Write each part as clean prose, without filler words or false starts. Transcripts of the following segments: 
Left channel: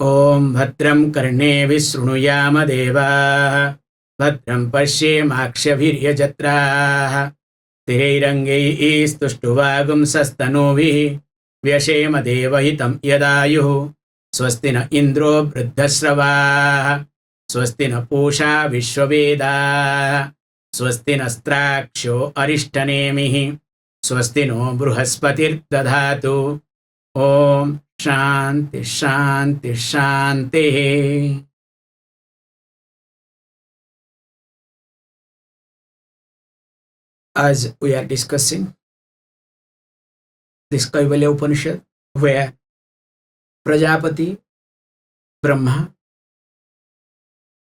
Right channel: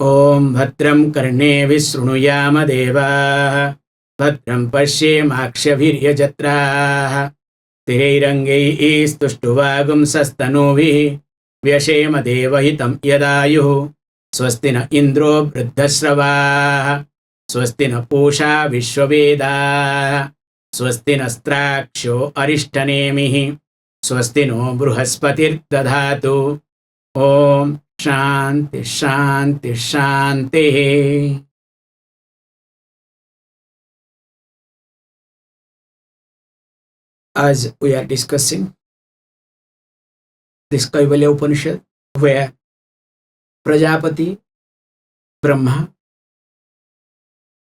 Om Bhadram Karne Vishrunuyama Deva Bhadram Pashyemakshavirya Jatra Tirairangai Istuštuvagum Sastanovi Vyashema Deva Hitam Yadayu Swastina Indro Vriddhasrava Swastina Pusha Vishwaveda Swastina Straksho Arishtanemihi Swastino Bruhaspatir Dadhatu Om Shanti, Shanti, Shanti. As we are discussing this Kaivalya Upanishad, where Prajapati, Brahma,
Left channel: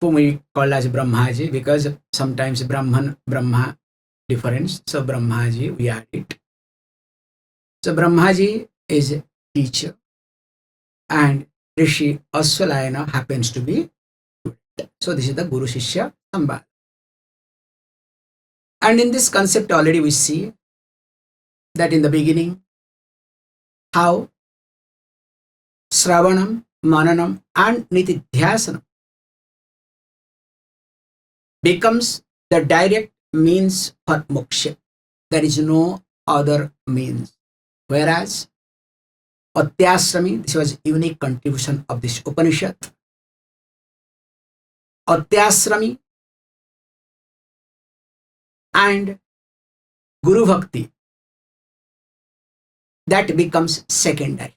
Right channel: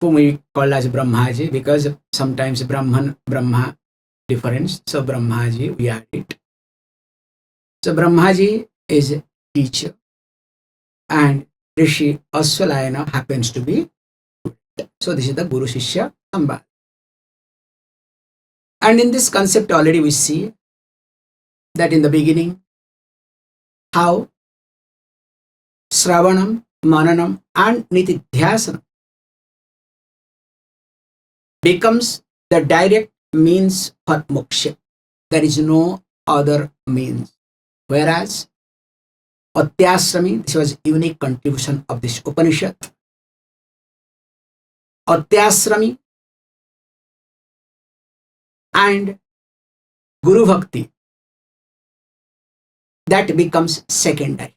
whom we call as Brahmaji, because sometimes Brahman, Brahma difference, so Brahmaji, we add it. So Brahmaji is a teacher, and Rishi Aswalayana happens to be student. So this is the Guru Shishya Samband. And in this concept already we see that in the beginning how Sravanam, Mananam and Nitidhyasanam becomes the direct means for Mokṣa. There is no other means. Whereas Atyasrami, this was unique contribution of this Upanishad. Atyasrami and Guru Bhakti, that becomes secondary.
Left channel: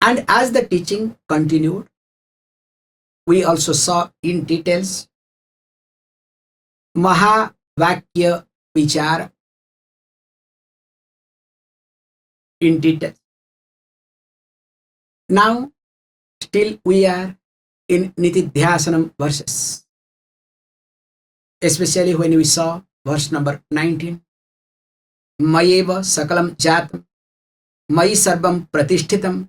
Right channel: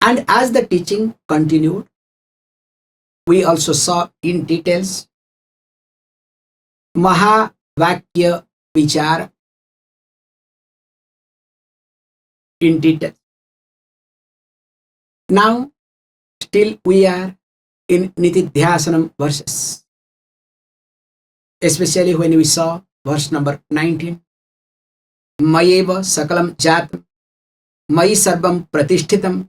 And as the teaching continued, we also saw in details Mahavakya Vichara in detail. Now, still we are in Nitidhyasanam verses, especially when we saw verse number 19. Mayeva sakalam jatam, mayi sarvam pratishtitam,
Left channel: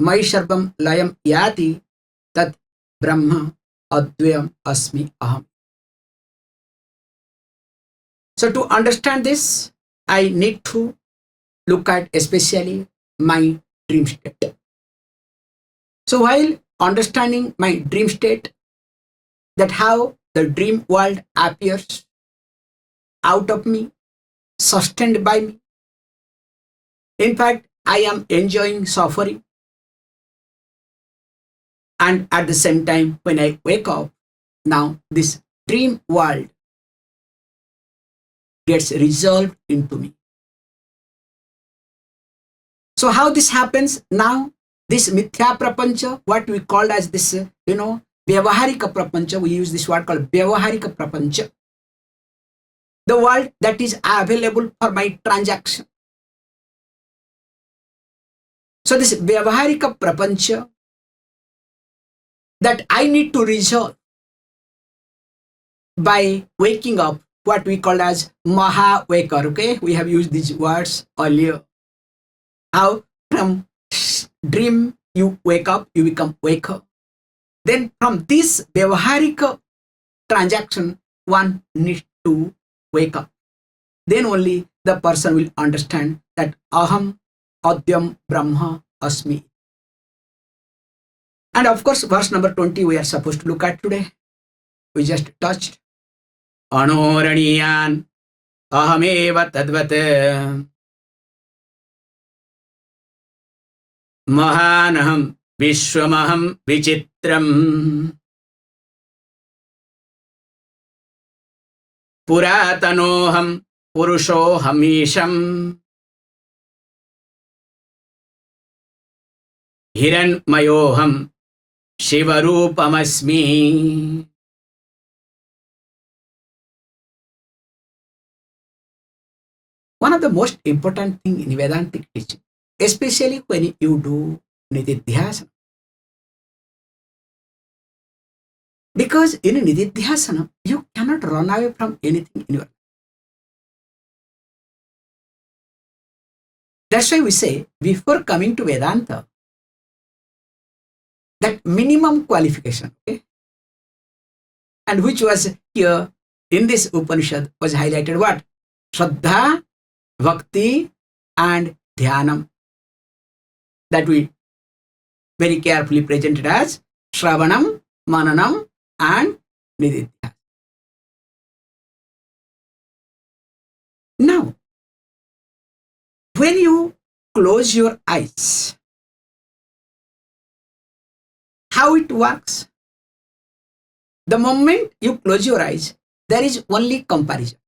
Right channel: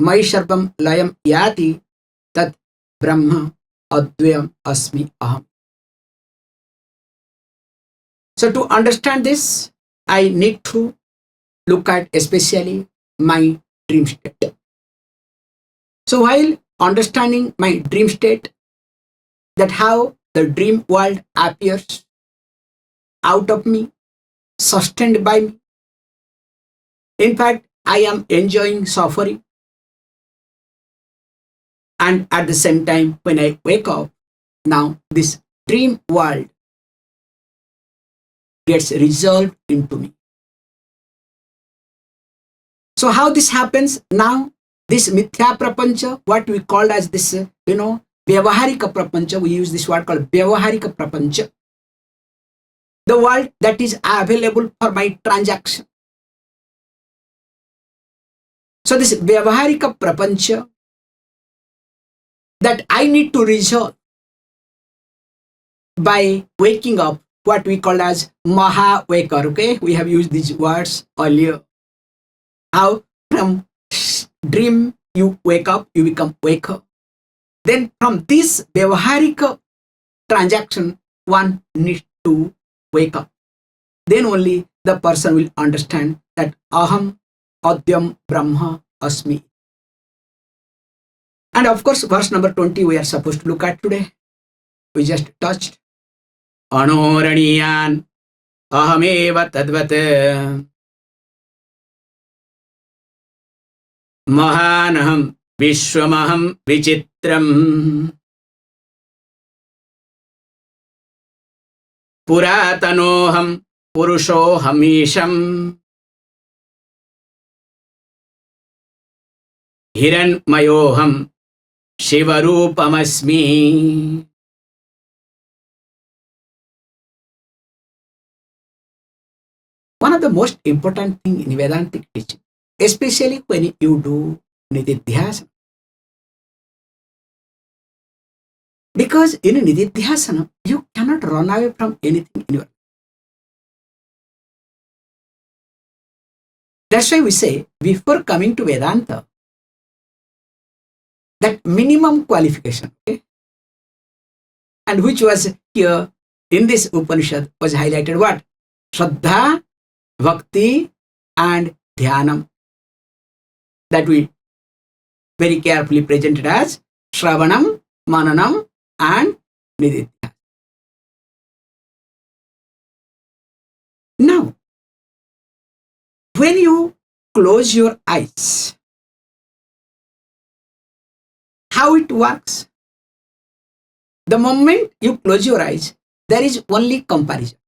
mayi sarvam layam yati, tat brahma advayam asmi aham. So to understand this, I need to look at especially my dream state. So while understanding my dream state, that how the dream world appears out of me, sustained by me. In fact, I am enjoying suffering. And at the same time, when I wake up, now this dream world gets resolved into me. So how this happens now? This mithya prapancha, what we call as this, vyavaharika prapancha, we use this word called vyavaharika prapancha. The world that is available for my transaction. So this vyavaharika prapancha that I need to resolve by waking up, what we call as maha-waker, okay? We have used these words earlier. How from dream you wake up, you become waker. Then from this vyavaharika transaction, one needs to wake up. Then only the person will understand that Aham, Adyam, Brahma, Asmi. And of course, verse number 20 we are supposed to look at today. We just touched. aṇor aṇīyān, ahameva tadvat. Mahānaham, viśvamaham, vicitraṁ. purātano'ham, puruṣo'ham īśaḥ. hiraṇmayo'ham, śivarūpam asmi. One of the most important things in Vedantic teaching, especially when you do Nitidhyasana. Because in Nitidhyasana, you cannot run away from anything in your life. That's why we say, before coming to Vedanta, that minimum qualification, okay? And which was here in this Upanishad was highlighted what? Shraddha, Bhakti and Dhyanam. That we very carefully presented as Shravanam, Mananam and Nididhyasana. Now, when you close your eyes, how it works? The moment you close your eyes, there is only comparison,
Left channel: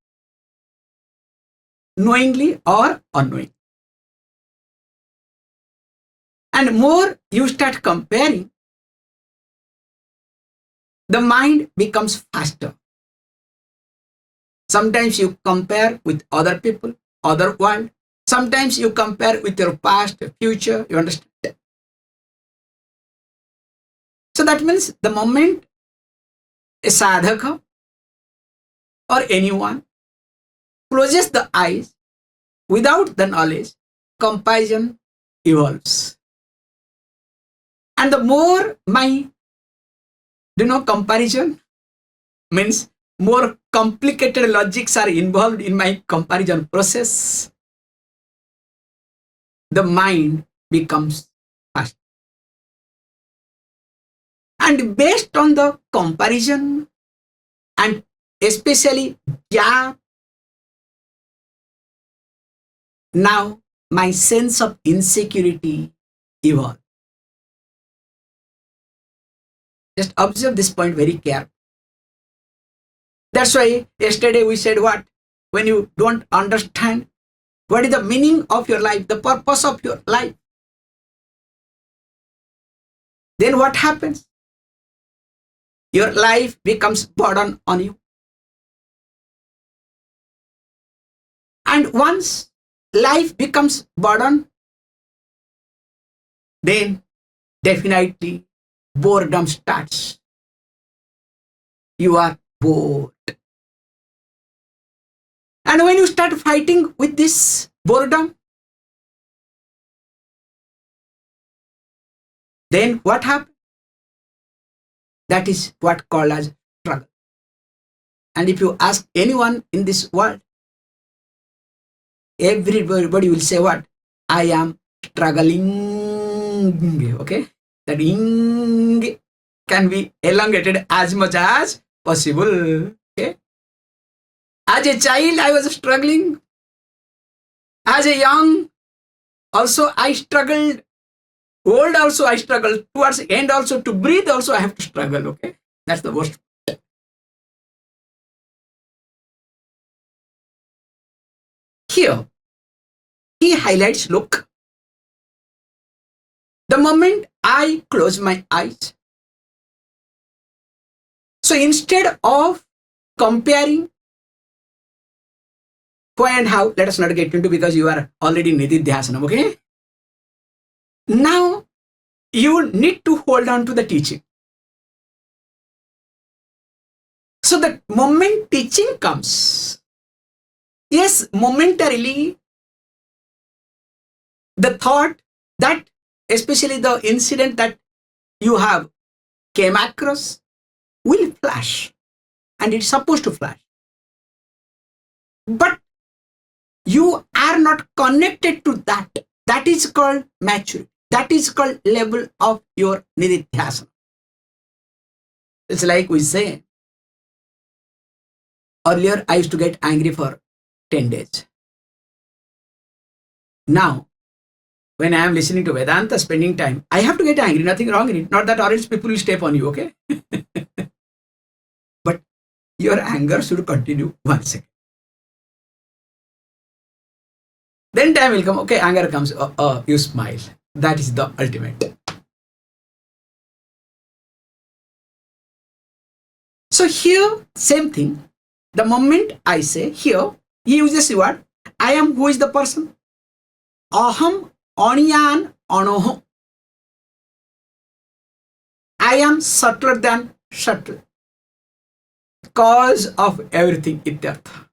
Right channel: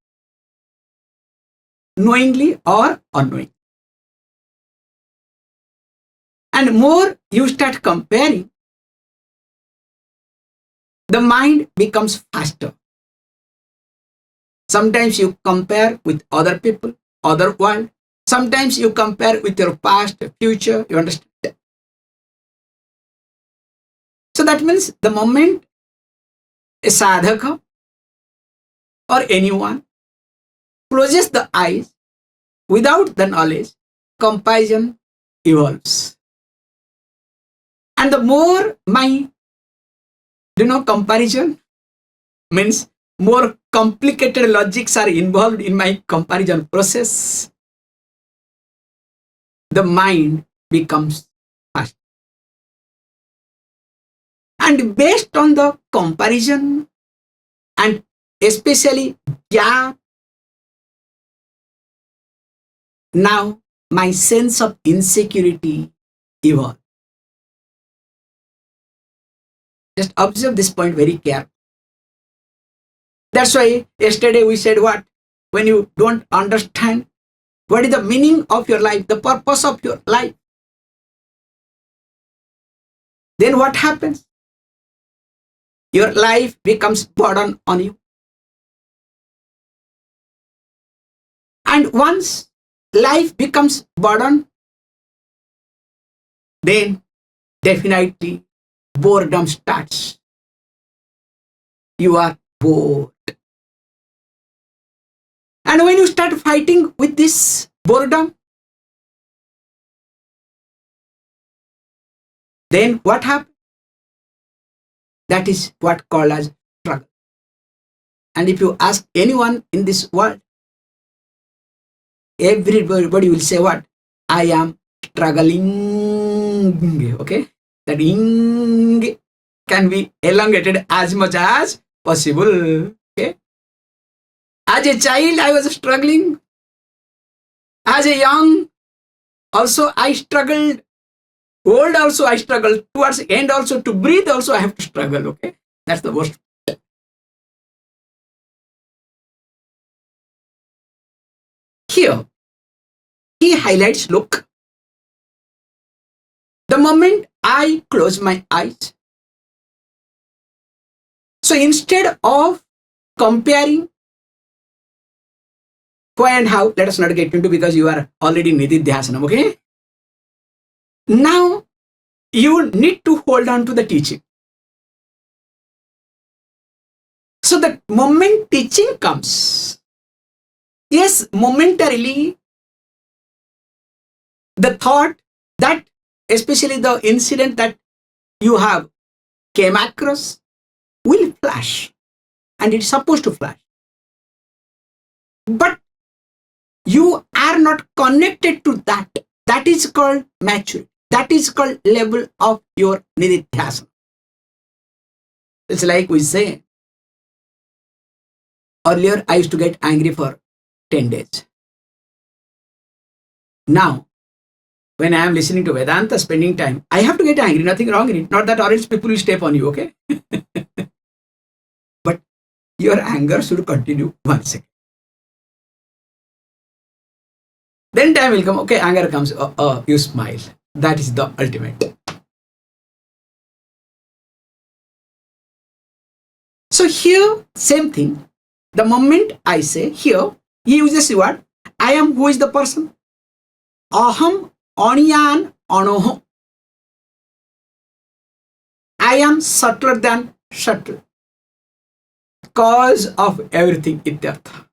knowingly or unknowingly. And more you start comparing, the mind becomes faster. Sometimes you compare with other people, other world. Sometimes you compare with your past, future, you understand? So that means the moment a sadhaka or anyone closes the eyes without the knowledge, comparison evolves. And the more my, comparison means more complicated logics are involved in my comparison process, the mind becomes fast. And based on the comparison and especially gap, now my sense of insecurity evolves. Just observe this point very carefully. That's why yesterday we said what? When you don't understand what is the meaning of your life, the purpose of your life, then what happens? Your life becomes burden on you. And once life becomes burden, then definitely boredom starts. You are bored. And when you start fighting with this boredom, then what happens? That is what called as struggle. And if you ask anyone in this world, everybody will say what? I am struggling. Okay? That ing can be elongated as much as possible. Okay? As a child, I was struggling. As a young, also I struggled. Old also I struggled. Towards the end also, to breathe also I have to struggle. Okay? That's the worst. Here, he highlights, look, the moment I close my eyes, so instead of comparing why and how, let us not get into, because you are already nididhyasana, okay? Now, you need to hold on to the teaching. So the moment teaching comes, yes, momentarily, the thought that, especially the incident that you have came across, will flash. And it's supposed to flash. But you are not connected to that. That is called maturity. That is called level of your nididhyasana. It's like we say, earlier I used to get angry for 10 days. Now, when I am listening to Vedānta, spending time, I have to get angry, nothing wrong in it. Not that or else people will step on you, okay? But your anger should continue 1 second. Then time will come, okay, anger comes, you smile. That is the ultimate. So here, same thing. The moment I say, here, he uses the word, I am, who is the person? Aham, aṇīyān, aṇor. I am subtler than subtle. Cause of everything, ityartha.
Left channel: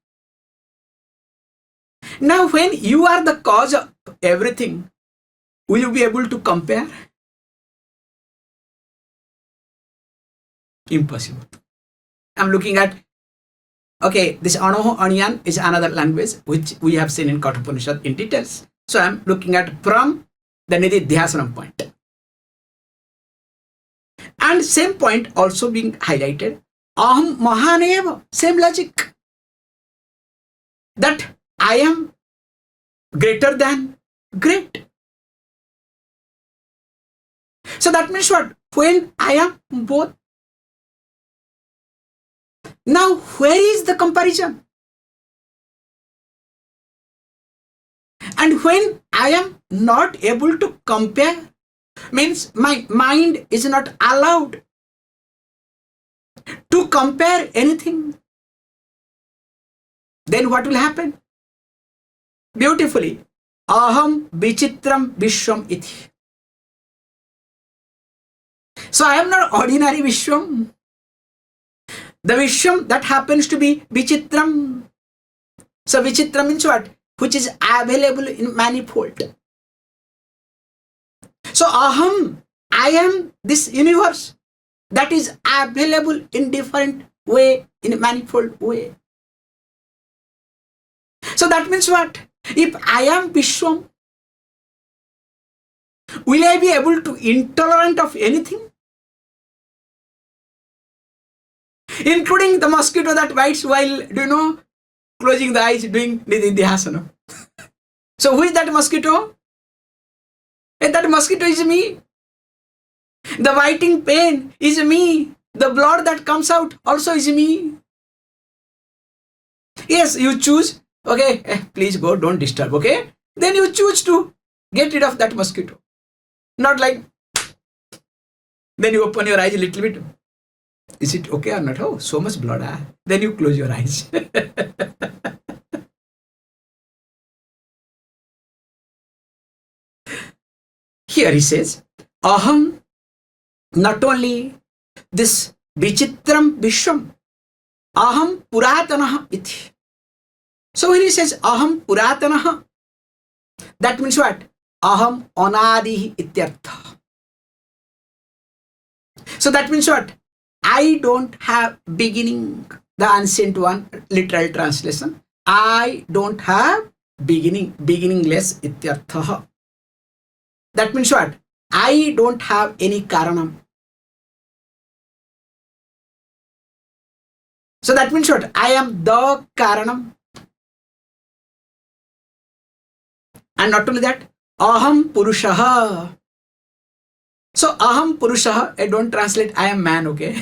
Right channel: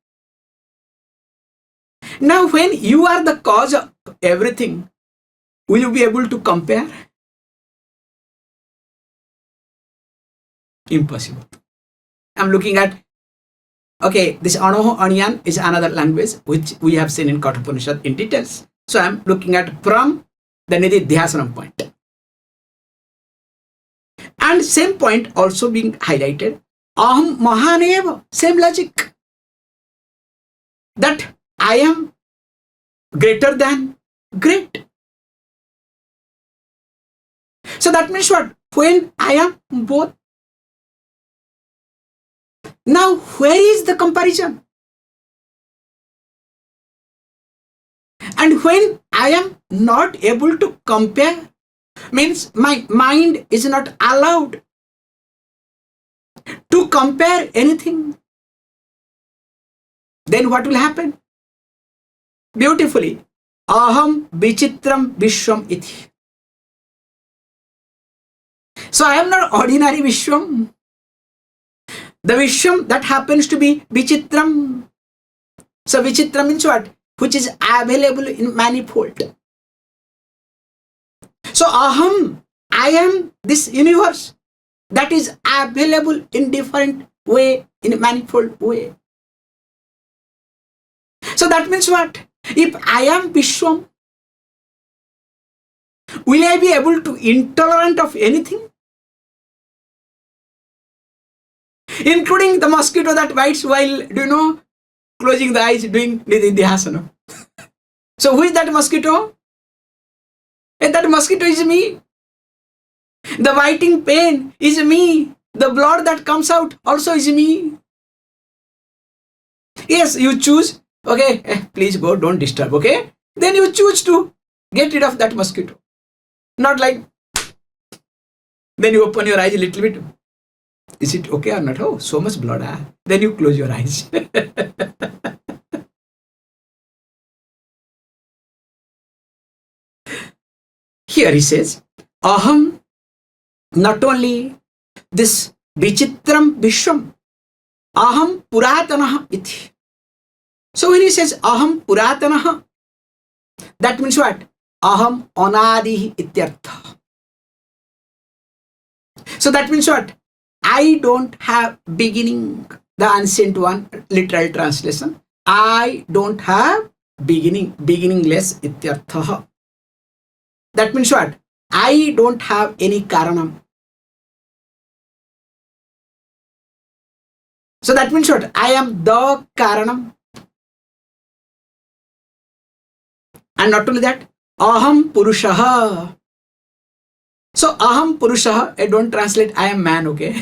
Now, when you are the cause of everything, will you be able to compare? Impossible. I'm looking at, okay, this aṇor, aṇīyān is another language which we have seen in Kathopanishad in details. So I'm looking at from the nididhyasana point. And same point also being highlighted. Aham mahanev, same logic. That I am greater than great. So that means what? When I am both. Now, where is the comparison? And when I am not able to compare, means my mind is not allowed to compare anything, then what will happen? Beautifully, aham vicitraṁ viśvam iti. So I am not ordinary viśvam. The viśvam that happens to be vicitraṁ. So vicitraṁ means what? Which is available in manifold. So aham, I am this universe that is available in different way, in manifold way. So that means what? If I am viśvam, will I be able to intolerant of anything? Including the mosquito that bites while, closing the eyes, doing nididhyasana. So who is that mosquito? And that mosquito is me. The biting pain is me. The blood that comes out also is me. Yes, you choose, okay, please go, don't disturb, okay? Then you choose to get rid of that mosquito. Not like, then you open your eyes a little bit. Is it okay or not? Oh, so much blood. Then you close your eyes. Here he says, aham, not only this vicitraṁ viśvam, aham purātano'ham iti. So when he says aham purātano'ham, that means what? Aham anādihi ityartha. So that means what? I don't have beginning. The ancient one, literal translation. I don't have beginning, beginningless ityartha. That means what? I don't have any karanam. So that means what? I am the karanam. And not only that, aham puruṣo'ham. So aham puruṣo'ham, I don't translate I am man, okay?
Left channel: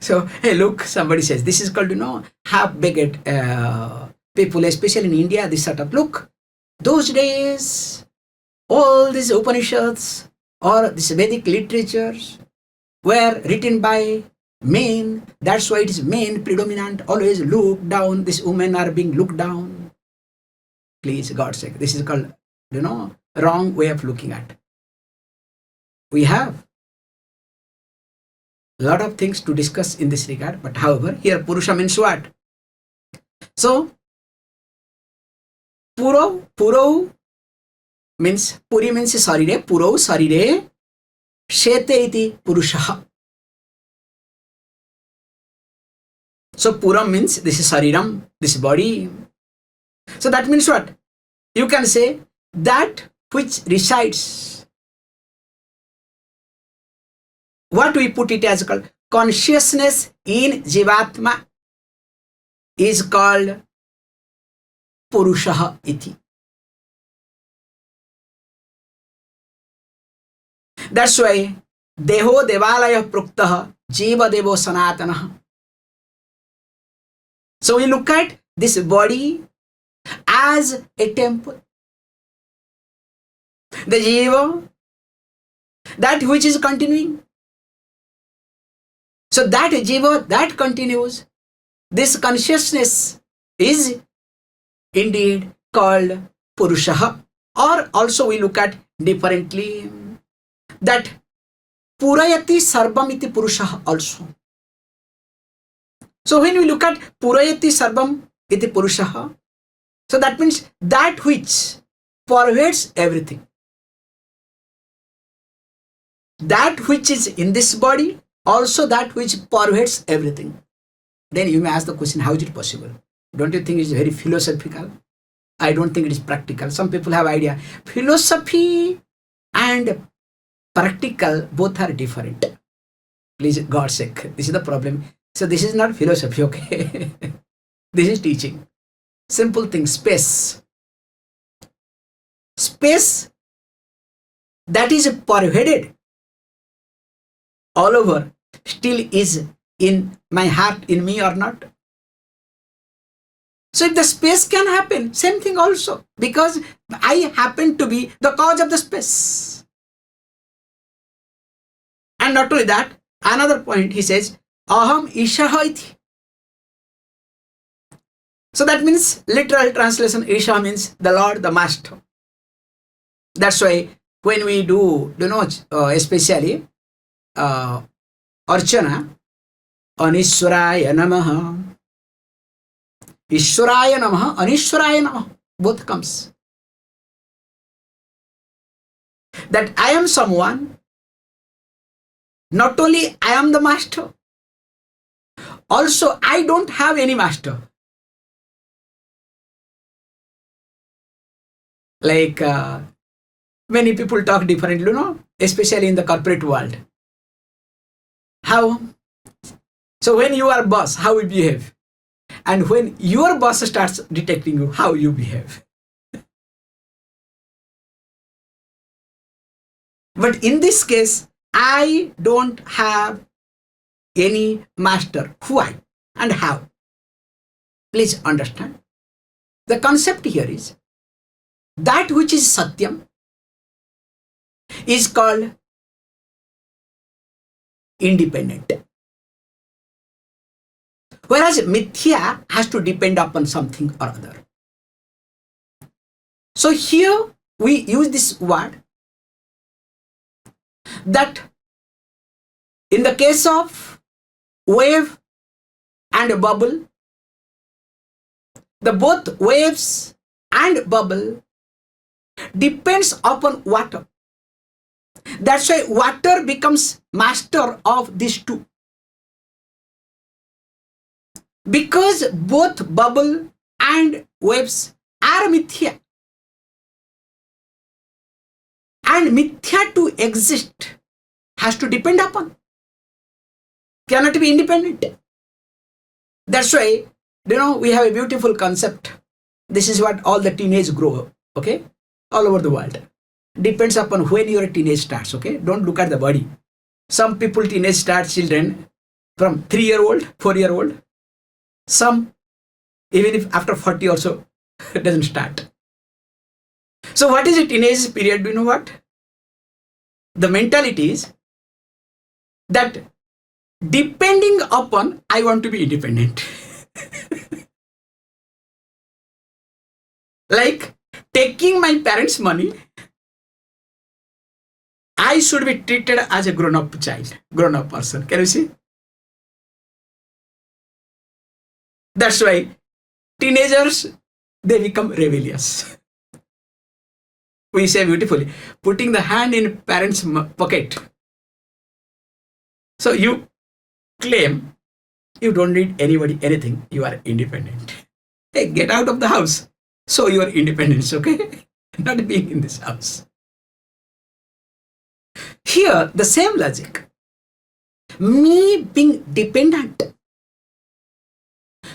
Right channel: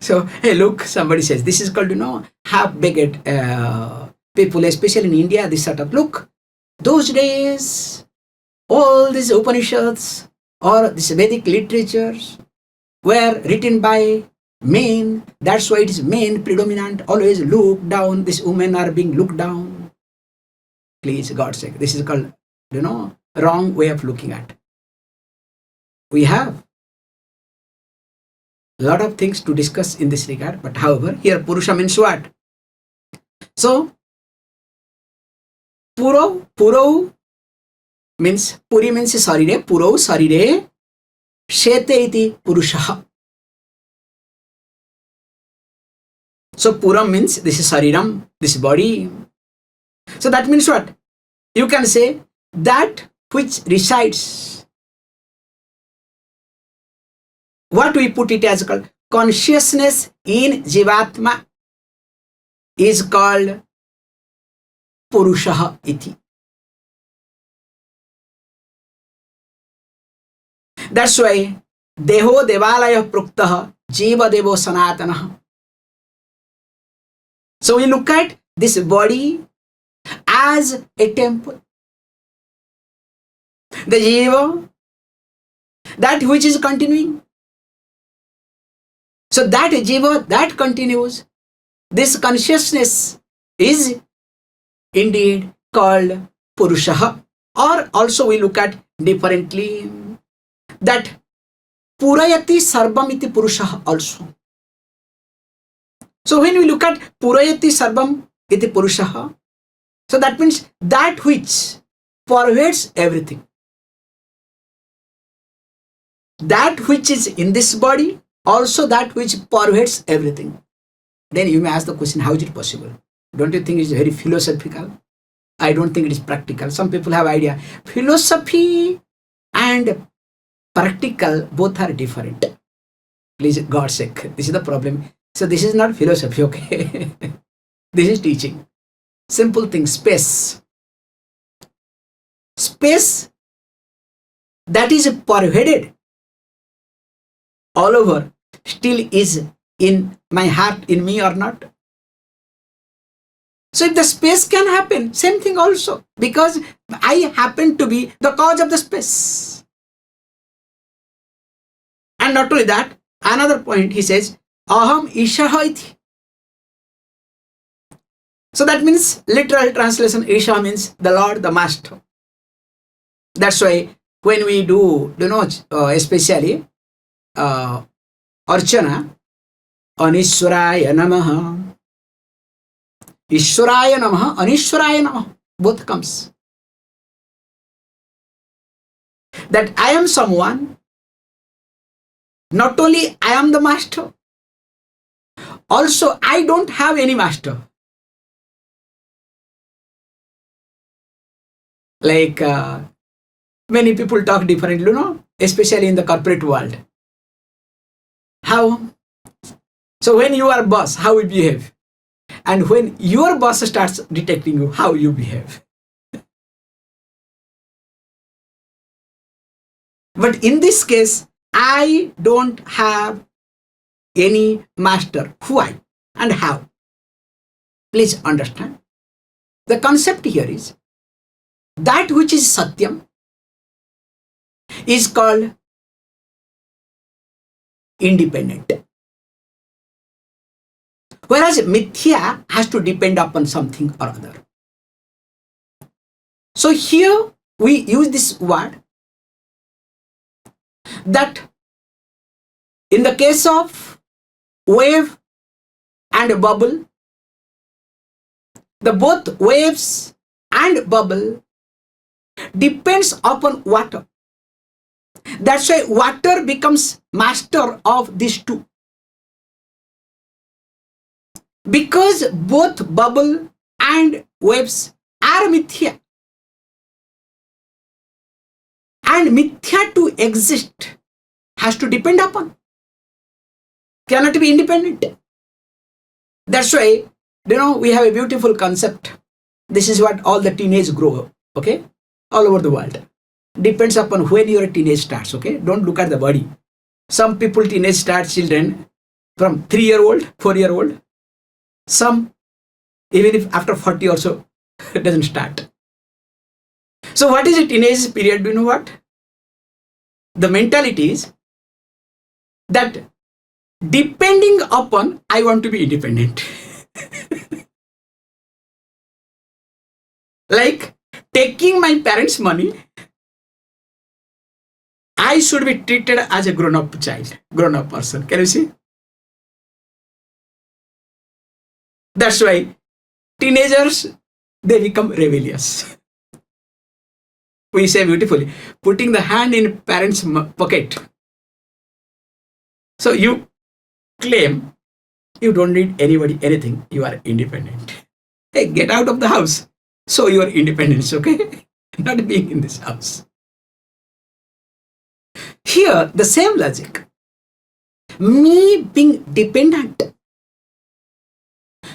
So, hey, look, somebody says, this is called, half-baked people, especially in India, this sort of, look, those days, all these Upanishads or these Vedic literatures were written by men. That's why it is men predominant, always look down. These women are being looked down. Please, God's sake, this is called, wrong way of looking at. We have a lot of things to discuss in this regard, but however, here Purusha means what? So, puro means, puri means sarire, puro sarire, shete iti puruṣaha. So puram means this is sariram, this body. So that means what? You can say that which resides. What we put it as called consciousness in jivatma is called puruṣaha iti. That's why deho devalaya pruktaha jīva devo sanatanaha. So we look at this body as a temple. The jīva, that which is continuing. So that jīva that continues, this consciousness is indeed called puruṣaha. Or also we look at differently that purayati sarvam iti puruṣaha also. So when we look at purayati sarvam iti puruṣaha, so that means that which pervades everything. That which is in this body, also that which pervades everything. Then you may ask the question, how is it possible? Don't you think it's very philosophical? I don't think it is practical. Some people have idea. Philosophy and practical, both are different. Please, God's sake, this is the problem. So this is not philosophy, okay? This is teaching. Simple thing, space. Space that is pervaded all over still is in my heart, in me or not. So if the space can happen, same thing also, because I happen to be the cause of the space. And not only that, another point he says, Aham īśaḥ iti. So that means, literal translation, īśaḥ means the Lord, the Master. That's why when we do, especially Archana, on Īśvarāya namaha, Īśvarāya namaha, aṇīyān namaha, both comes. That I am someone, not only I am the master, also I don't have any master. Like many people talk differently, especially in the corporate world. How? So when you are boss, how you behave? And when your boss starts detecting you, how you behave. But in this case, I don't have any master. Why and how? Please understand. The concept here is that which is satyam is called independent. Whereas mithya has to depend upon something or other. So here we use this word that in the case of wave and bubble, the both waves and bubble depends upon water. That's why water becomes master of these two. Because both bubble and waves are mithya. And mithya to exist has to depend upon. Cannot be independent. That's why, we have a beautiful concept. This is what all the teenage grow, okay? All over the world. Depends upon when your teenage starts, okay? Don't look at the body. Some people teenage start children from 3-year-old, 4-year-old. Some, even if after 40 or so, it doesn't start. So what is a teenage period? Do you know what? The mentality is that depending upon, I want to be independent. Like taking my parents' money, I should be treated as a grown-up child, grown-up person. Can you see? That's why teenagers, they become rebellious. We say beautifully, putting the hand in parents' pocket. So you claim you don't need anybody, anything. You are independent. Hey, get out of the house. So your independence, okay? Not being in this house. Here, the same logic. Me being dependent.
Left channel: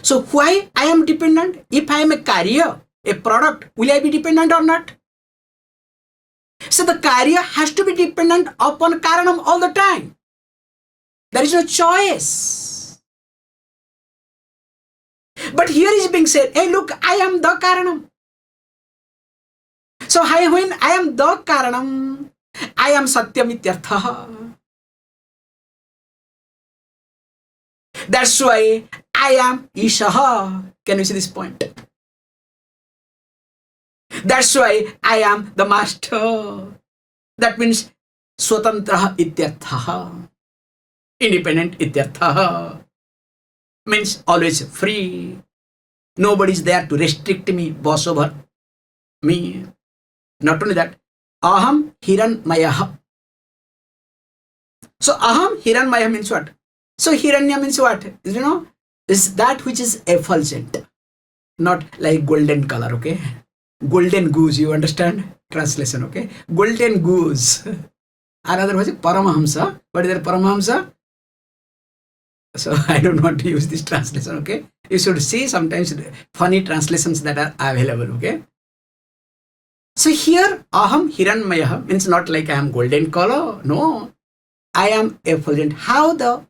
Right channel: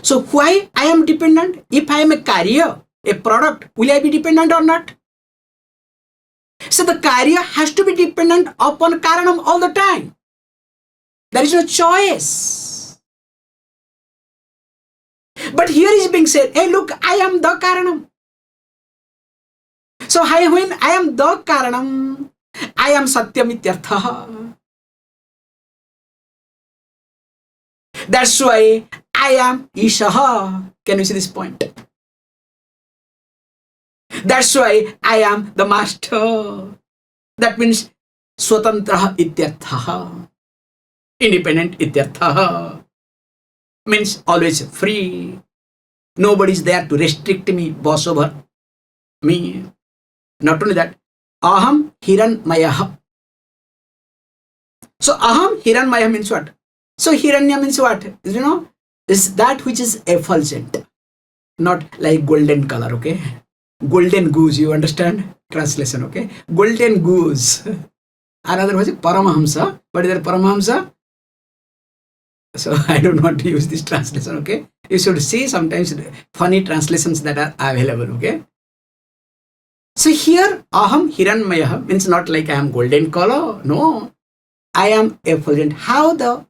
So why I am dependent? If I am a carrier, a product, will I be dependent or not? So the carrier has to be dependent upon karanam all the time. There is no choice. But here is being said, hey look, I am the karanam. So when I am the karanam, I am satyam ityartha. That's why I am īśaḥ. Can you see this point? That's why I am the master. That means swatantraha ityartha. Independent ityartha. Means always free. Nobody is there to restrict me, boss over me. Not only that, aham hiraṇmayo'ham. So aham hiraṇmayo'ham means what? So hiranya means what? Is that which is effulgent. Not like golden color, okay? Golden goose, you understand? Translation, okay? Golden goose. Another was Paramahamsa. What is that Paramahamsa? So I don't want to use this translation, okay? You should see sometimes funny translations that are available, okay? So here, Aham hiraṇmayo'ham means not like I am golden color. No, I am effulgent. How the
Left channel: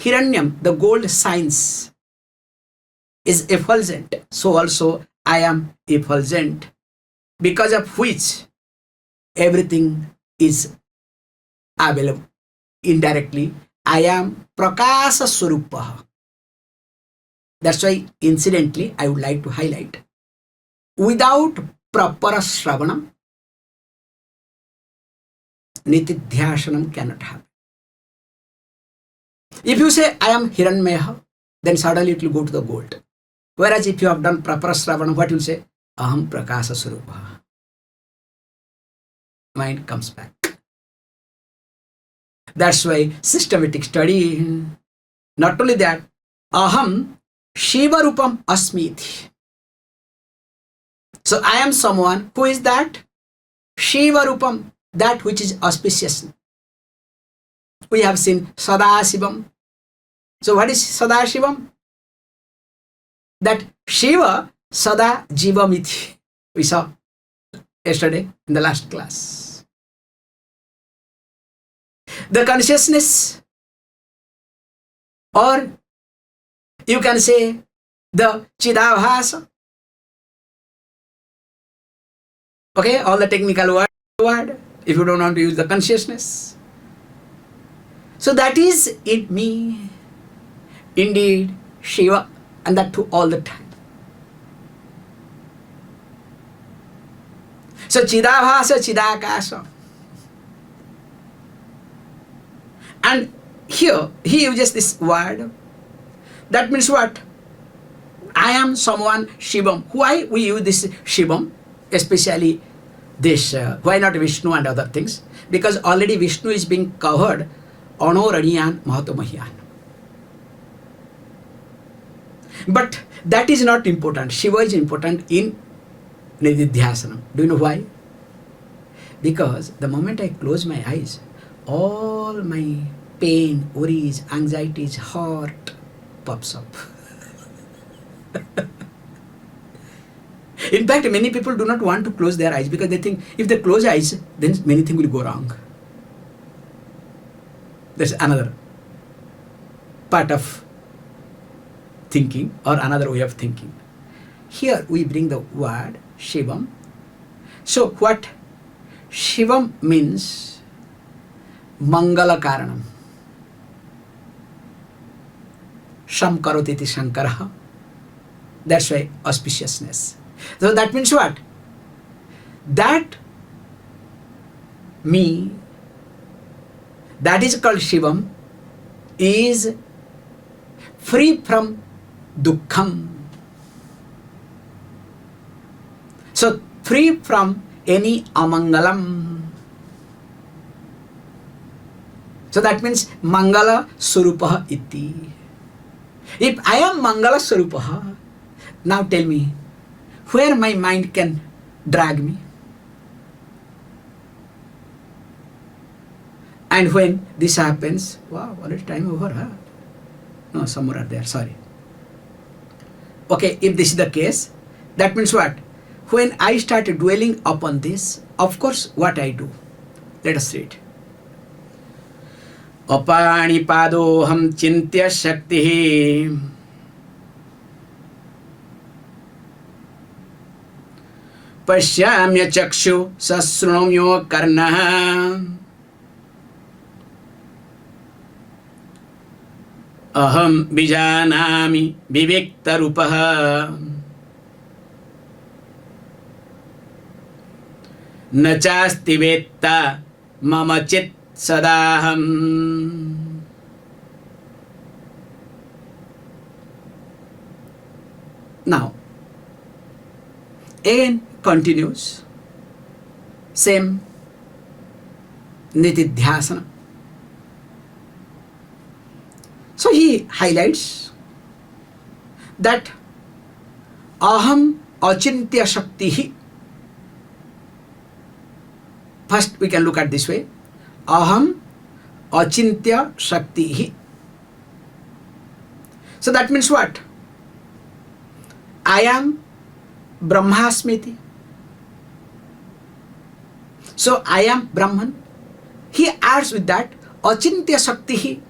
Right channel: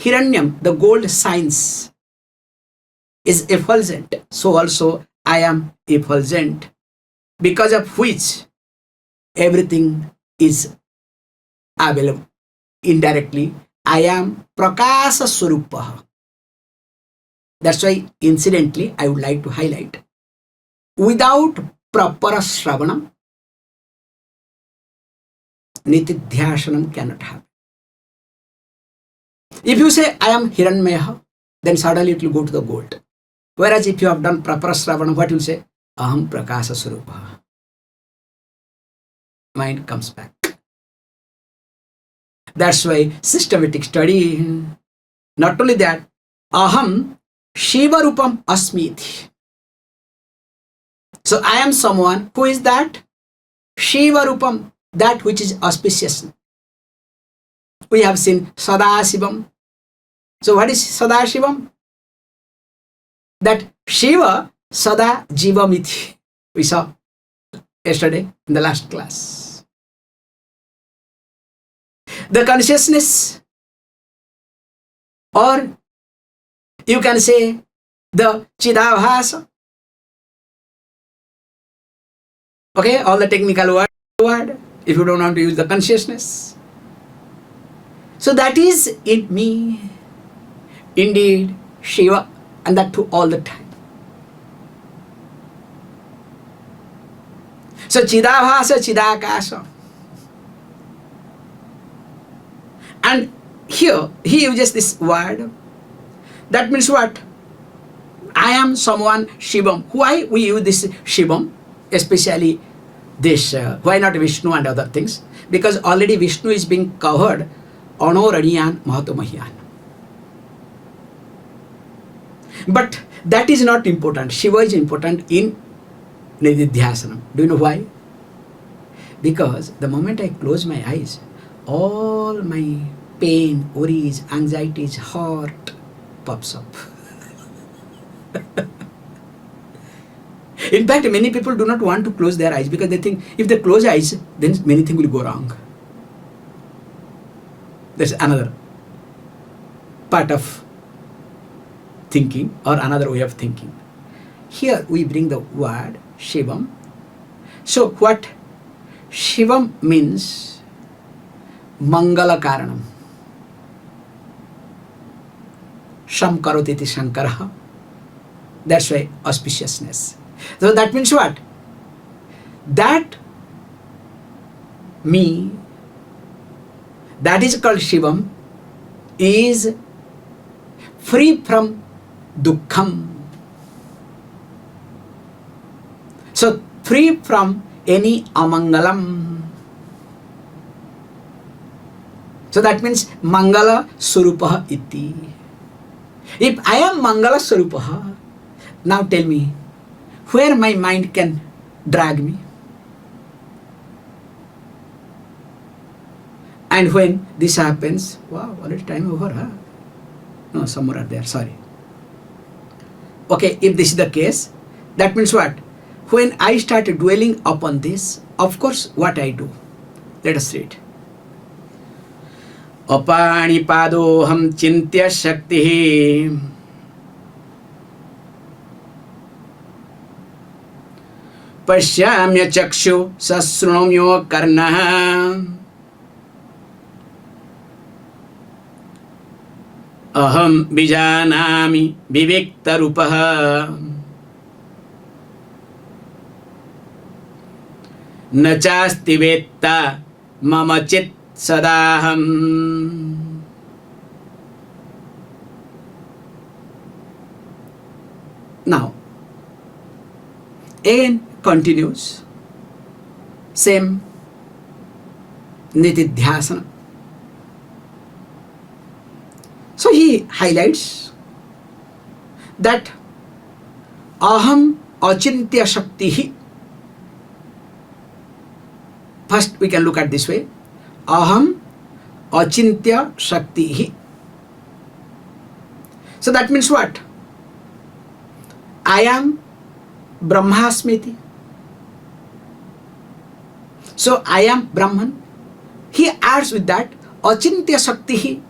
hiranyam, the gold shines, is effulgent. So also I am effulgent, because of which everything is available indirectly. I am prakāsa śivarūpam. That's why, incidentally, I would like to highlight, without proper shravanam, nitidhyasanam cannot happen. If you say, I am hiraṇmayo'ham, then suddenly it will go to the gold. Whereas if you have done proper shravanam, what you will say? Aham prakāsa śivarūpam. Mind comes back. That's why systematic study. Not only that, aham śivarūpam asmi. So I am someone who is that śivarūpam, that which is auspicious. We have seen Sadashivam. So what is Sadashivam? That Shiva Sada Jivamiti. We saw yesterday in the last class. The consciousness, or you can say the Chidabhasa. Okay, all the technical word, if you don't want to use the consciousness. So that is in me, indeed, Shiva, and that too all the time. So Chidabhasa, Chidakasa. And here, he uses this word. That means what? I am someone Shivam. Why we use this Shivam? Especially this, why not Vishnu and other things? Because already Vishnu is being covered, aṇor, aṇīyān, mahato, mahīyān. But that is not important. Shiva is important in nididhyasanam. Do you know why? Because the moment I close my eyes, all my pain, worries, anxieties, heart pops up. In fact, many people do not want to close their eyes because they think if they close eyes, then many things will go wrong. That's another part of thinking, or another way of thinking. Here we bring the word Shivam. So what Shivam means? Mangala karanam. Sham karoti iti Shankaraha. That's why auspiciousness. So that means what? That me, that is called Shivam, is free from dukkham. So free from any amangalam. So that means mangala śivarūpah iti. If I am mangala śivarūpah, now tell me, where my mind can drag me? And when this happens, wow, already time over, huh? No, some more are there, sorry. Okay, if this is the case, that means what? When I start dwelling upon this, of course, what I do? Let us read. Apānipadoham chintya shaktihi pashyamya chakshu sasrunamyo karnaha aham bijanami viviktarupaha nachasti vetta mama chit sadaham. Now, again continues, same nitidhyasana. So he highlights that aham achintya shaktihi. First we can look at this way. aham achintya shaktihi. So that means what? I am Brahmasmiti. So I am Brahman. He adds with that achintya shaktihi,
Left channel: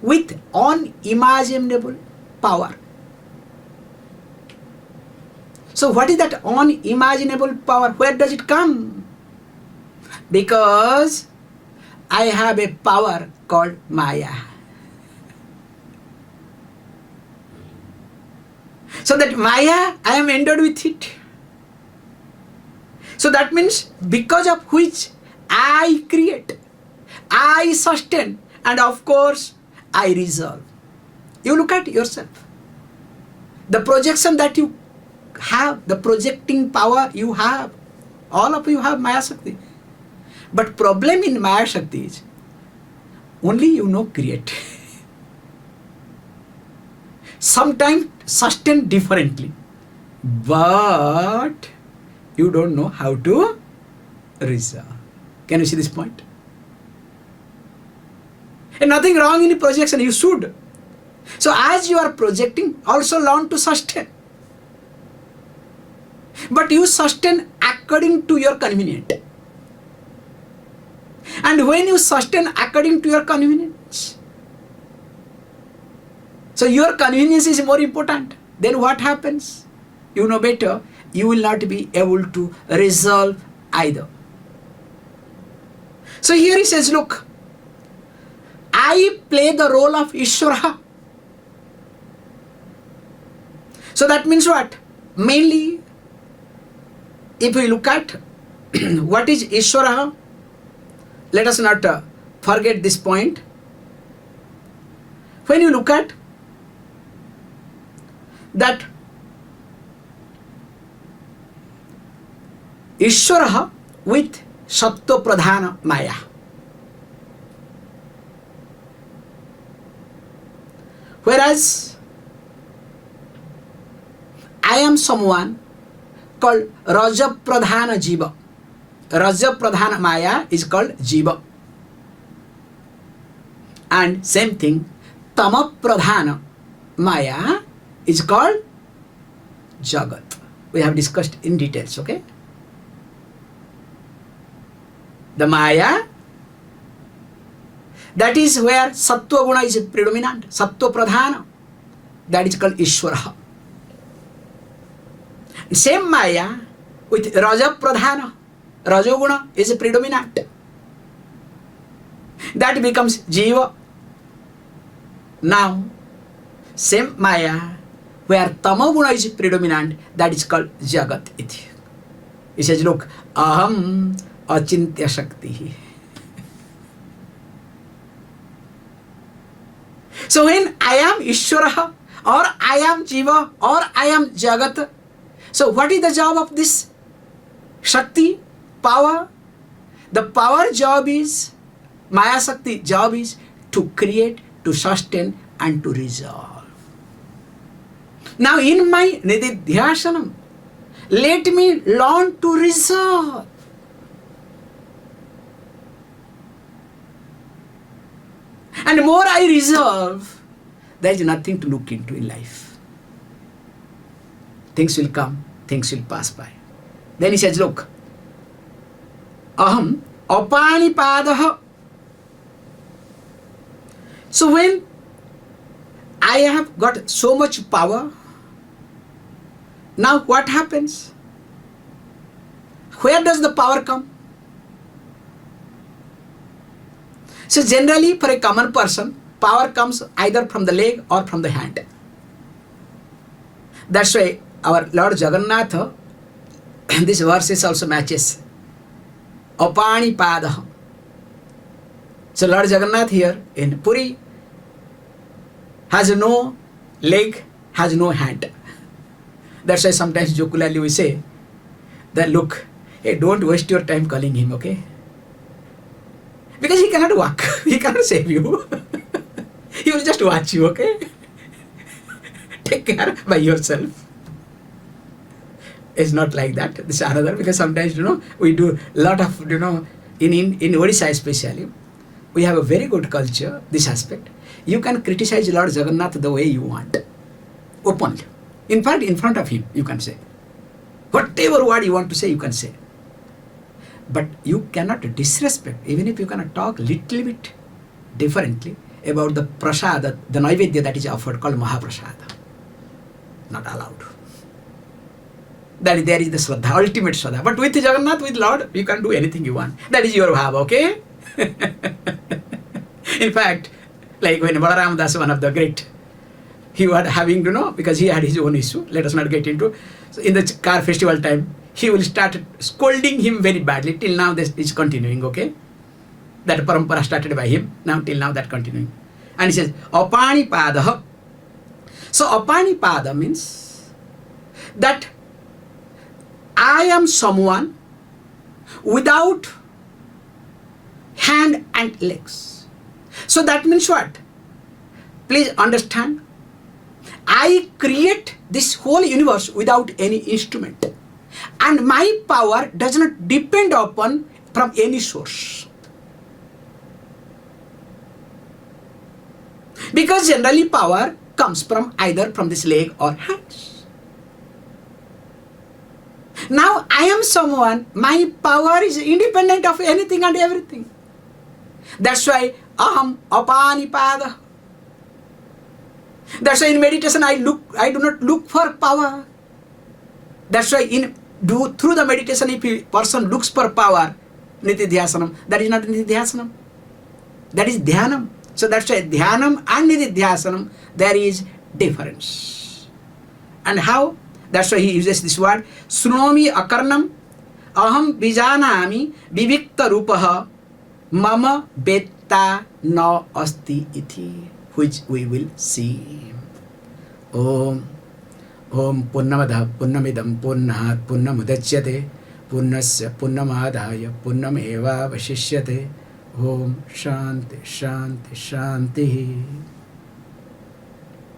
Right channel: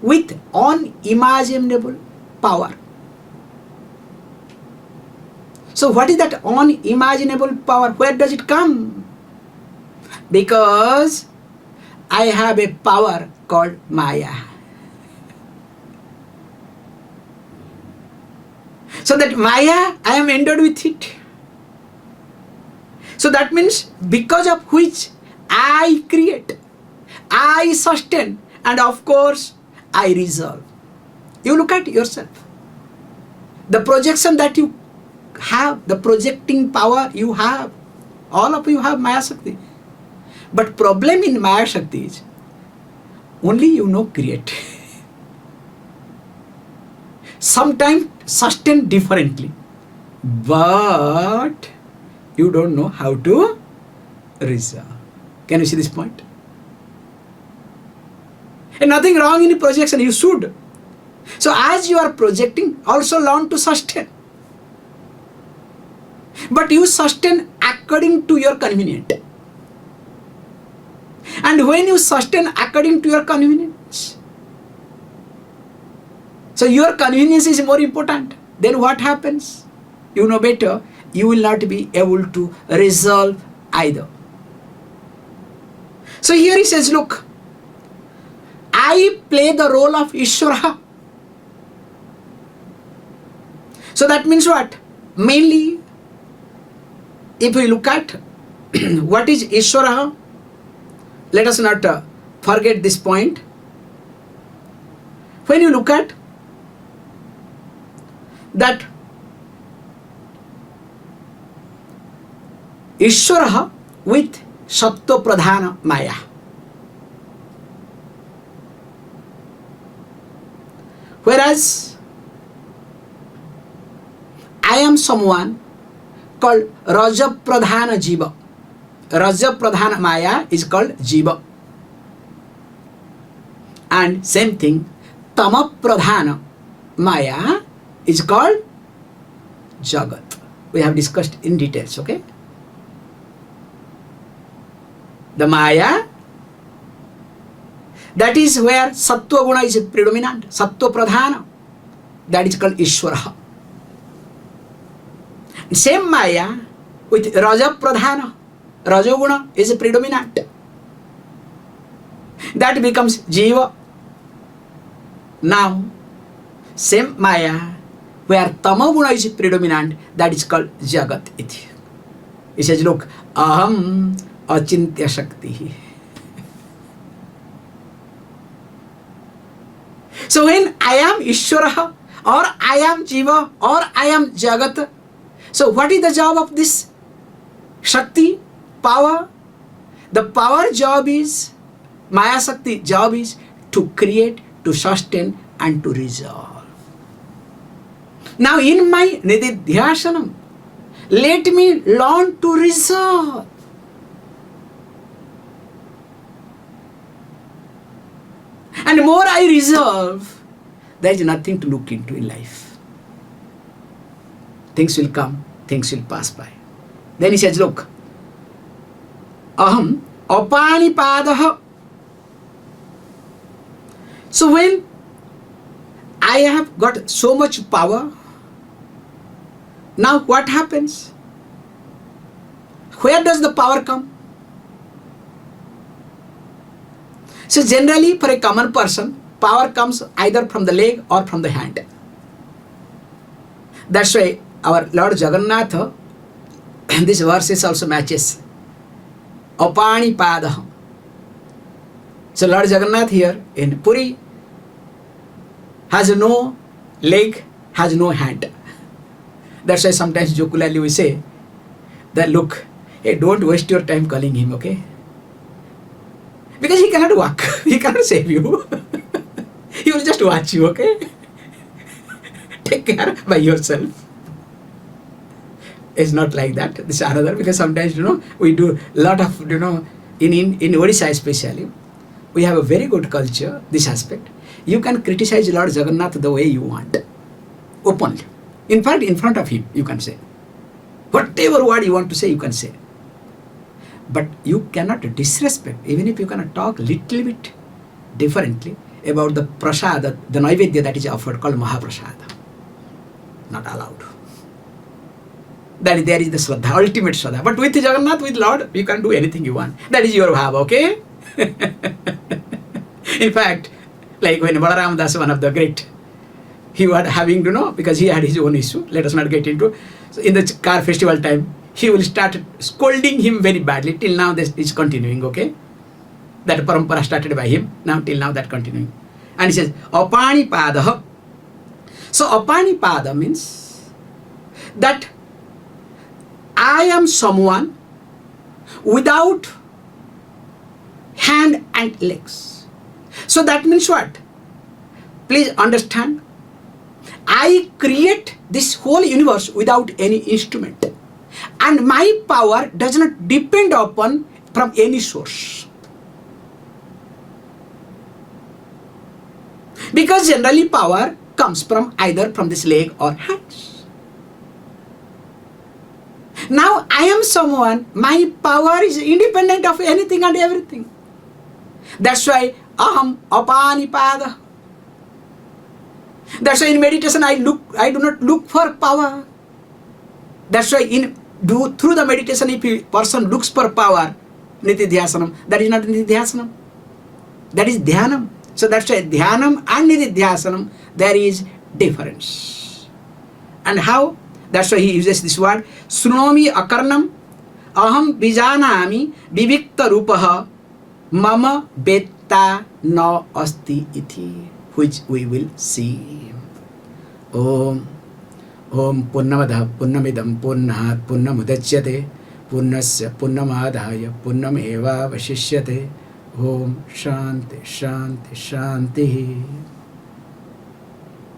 with unimaginable power. So what is that unimaginable power? Where does it come? Because I have a power called Maya. So that Maya, I am endowed with it. So that means because of which I create, I sustain, and of course I resolve. You look at yourself. The projection that you have, the projecting power you have, all of you have Maya Shakti. But problem in Maya Shakti is only you know create. Sometimes sustain differently, but you don't know how to resolve. Can you see this point? And nothing wrong in projection, you should. So as you are projecting, also learn to sustain. But you sustain according to your convenience. And when you sustain according to your convenience, so your convenience is more important, then what happens? You know better, you will not be able to resolve either. So here he says, look, I play the role of Īśvara. So that means what? Mainly, if we look at what is Īśvara, let us not forget this point. When you look at that Īśvara with sattva pradhana maya. Whereas I am someone called raja pradhana jīva. Raja pradhana maya is called jīva. And same thing, tama pradhana maya is called jagat. We have discussed in details, okay? The maya, that is where sattva guna is predominant, sattva pradhana, that is called Īśvara. Same maya with raja pradhana, rajoguna is predominant, that becomes jīva. Now same maya where tamoguna is predominant, that is called jagat iti. He says, look, aham achintya shakti. So when I am Īśvara, or I am jīva, or I am jagat, so what is the job of this shakti, power? The power job is, Maya Shakti job is to create, to sustain, and to resolve. Now in my nididhyasanam, let me learn to resolve. And more I resolve, there is nothing to look into in life. Things will come, things will pass by. Then he says, look, aham apānipādaha. So when I have got so much power, now what happens? Where does the power come? So generally for a common person, power comes either from the leg or from the hand. That's why our Lord Jagannatha, this verses also matches. Apānipādaha. So Lord Jagannath here in Puri has no leg, has no hand. That's why sometimes jocularly we say that, look, hey, don't waste your time calling him, okay? Because he cannot walk, he cannot save you. He will just watch you, okay? Take care by yourself. It's not like that. This is another, because sometimes, we do a lot of, in Odisha especially, we have a very good culture, this aspect. You can criticize Lord Jagannath the way you want, openly. In fact, in front of him, you can say. Whatever word you want to say, you can say. But you cannot disrespect, even if you cannot talk little bit differently about the prasada, the naivedya that is offered, called mahaprasada. Not allowed. That there is the Shraddha, ultimate Shraddha. But with Jagannath, with Lord, you can do anything you want. That is your bhava, okay? In fact, like when Balaram Das, one of the great, he was having to know, because he had his own issue, let us not get into. So in the car festival time, he will start scolding him very badly. Till now, this is continuing, okay? That parampara started by him, now till now that continuing. And he says, apanipada. So apanipada means that I am someone without hand and legs. So that means what? Please understand. I create this whole universe without any instrument. And my power does not depend upon from any source. Because generally power comes from either from this leg or hands. Now I am someone, my power is independent of anything and everything. That's why aham apanipada. That's why in meditation I do not look for power. That's why through the meditation, if a person looks for power, nididhyasanam, that is not nididhyasanam. That is dhyanam. So that's why dhyanam and nididhyasanam, there is difference. And how? That's why he uses this word, sunomi akarnam, aham vijanami vivikta rupaha, mama betta na asti iti, which we will see. Om. Om Purnamada Purnamidam Purnat Purnamudachyate Purnasya Purnamadaya Purnameva Vashishyate. Om Shanti Shanti Shanti.